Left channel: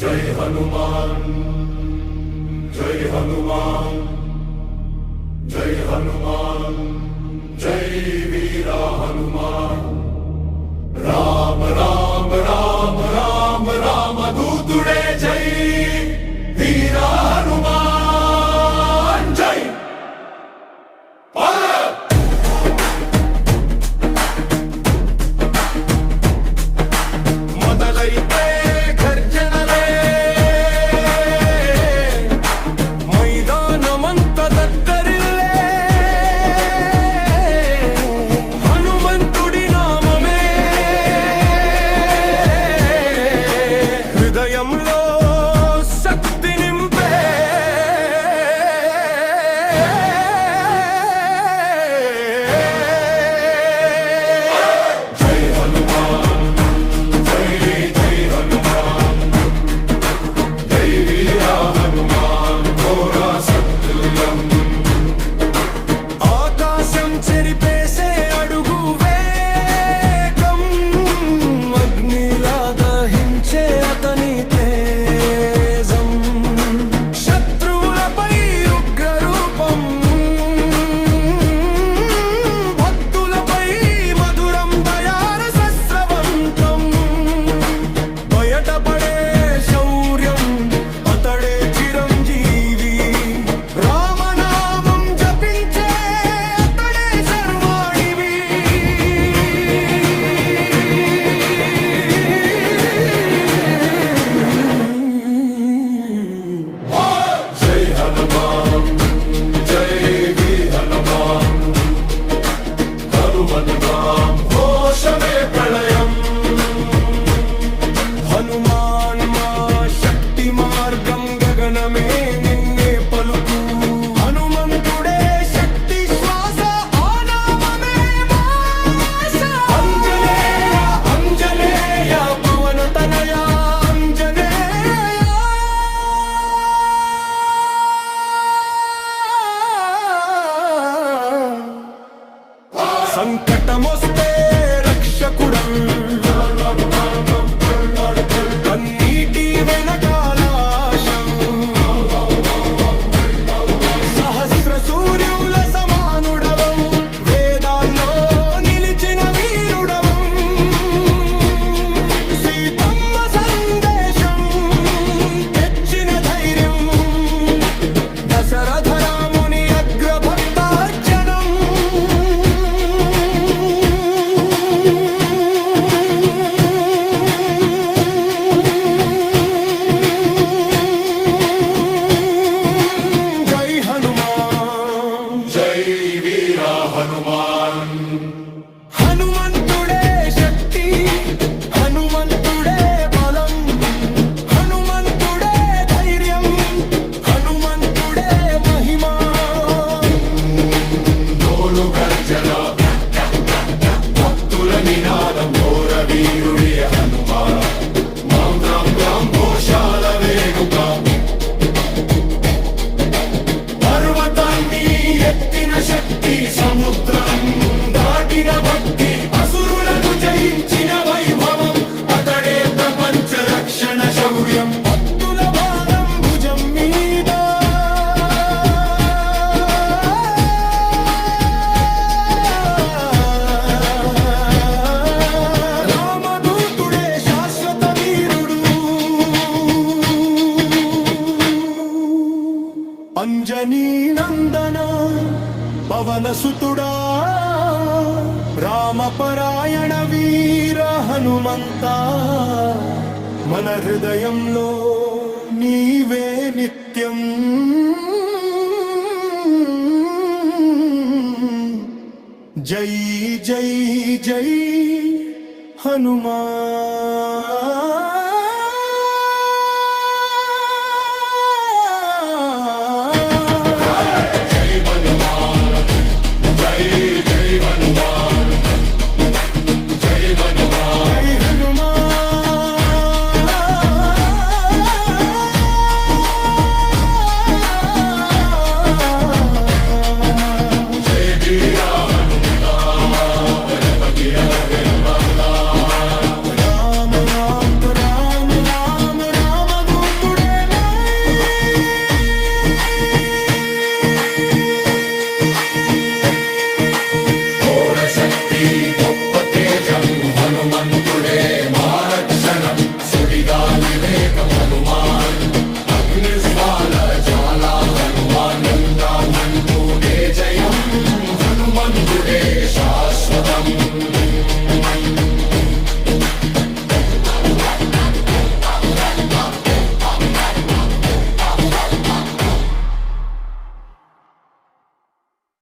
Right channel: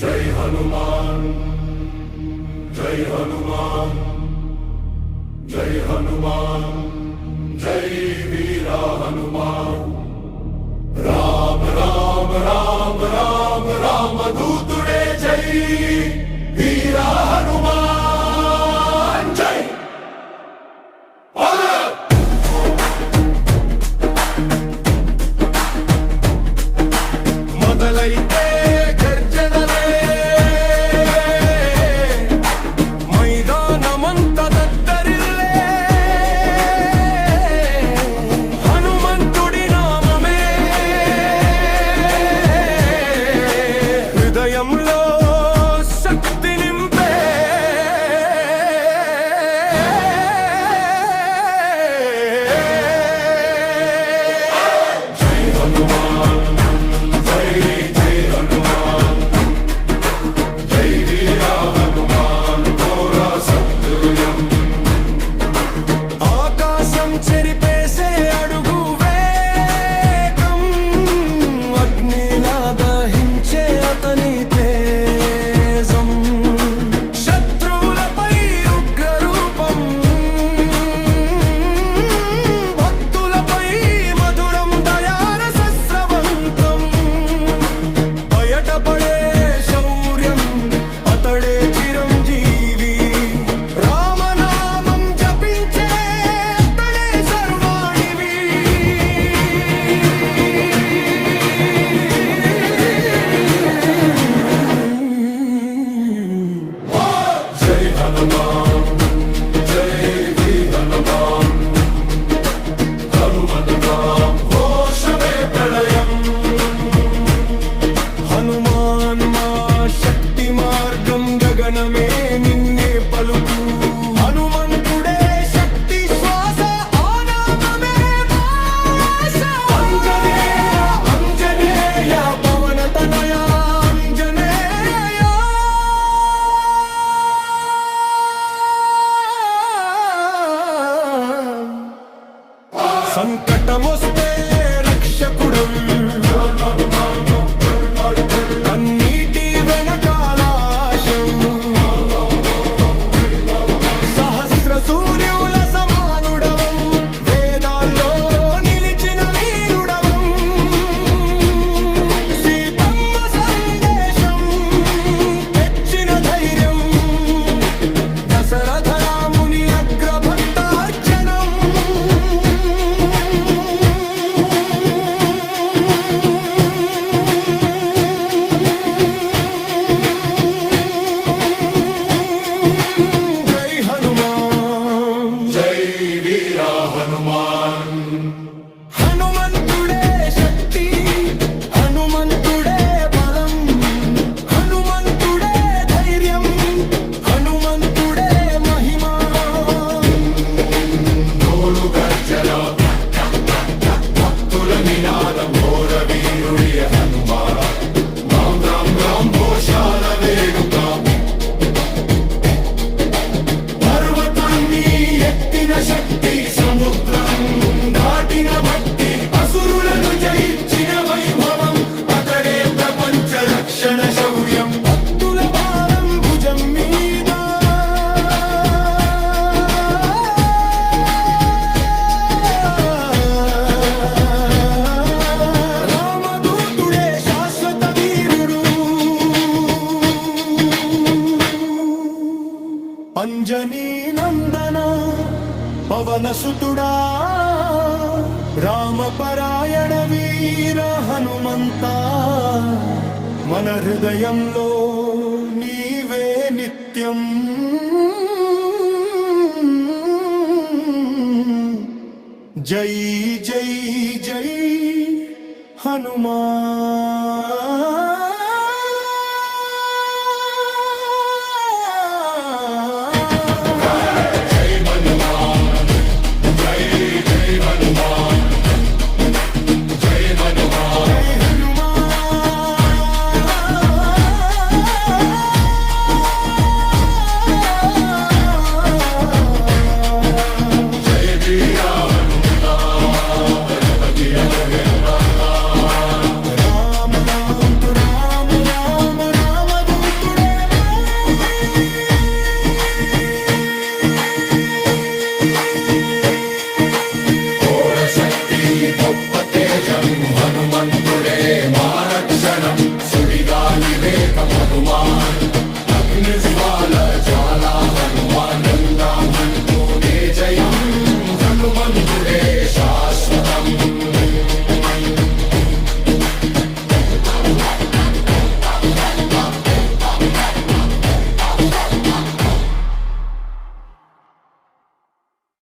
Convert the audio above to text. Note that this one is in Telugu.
జై హనుమాన్ జై హనుమాన్ జై హనుమాన్ జై వీర హనుమాన్ రామ రామ రామ రామ రామ దూతుడే హృదయంలో శక్తి నింపే. ఆకాశం చెరిపేసే అడుగు వేగం అగ్నిలా దహించే అతని గగనమే నిన్నే పలుకు. హనుమంతుడే శక్తి శ్వాస అంజనేయ అంజనేయ పవన సంకటమొస్తే రక్షకుడం. కన్నీటి దశరథరాముని అగ్రభక్తార్చనం జై హనుమాన్ జై వీర హనుమాన్. హనుమంతుడే శక్తి హనుమంతుడే అసురులను జయించిన వైభవం అతడే ప్రపంచ రక్షణ శౌర్యం. భక్తుల భారం భుజం మీద. రామదూతుడే శాశ్వత వీరుడు. అంజనీ నందన పవనసుతుడా రామపరాయణ వీర హనుమంత మన హృదయంలో నీవే నిత్యం. జై జై జై హనుమా తేజం హనుమంతుడే మా రక్షణం సుడిగాలి వేగం.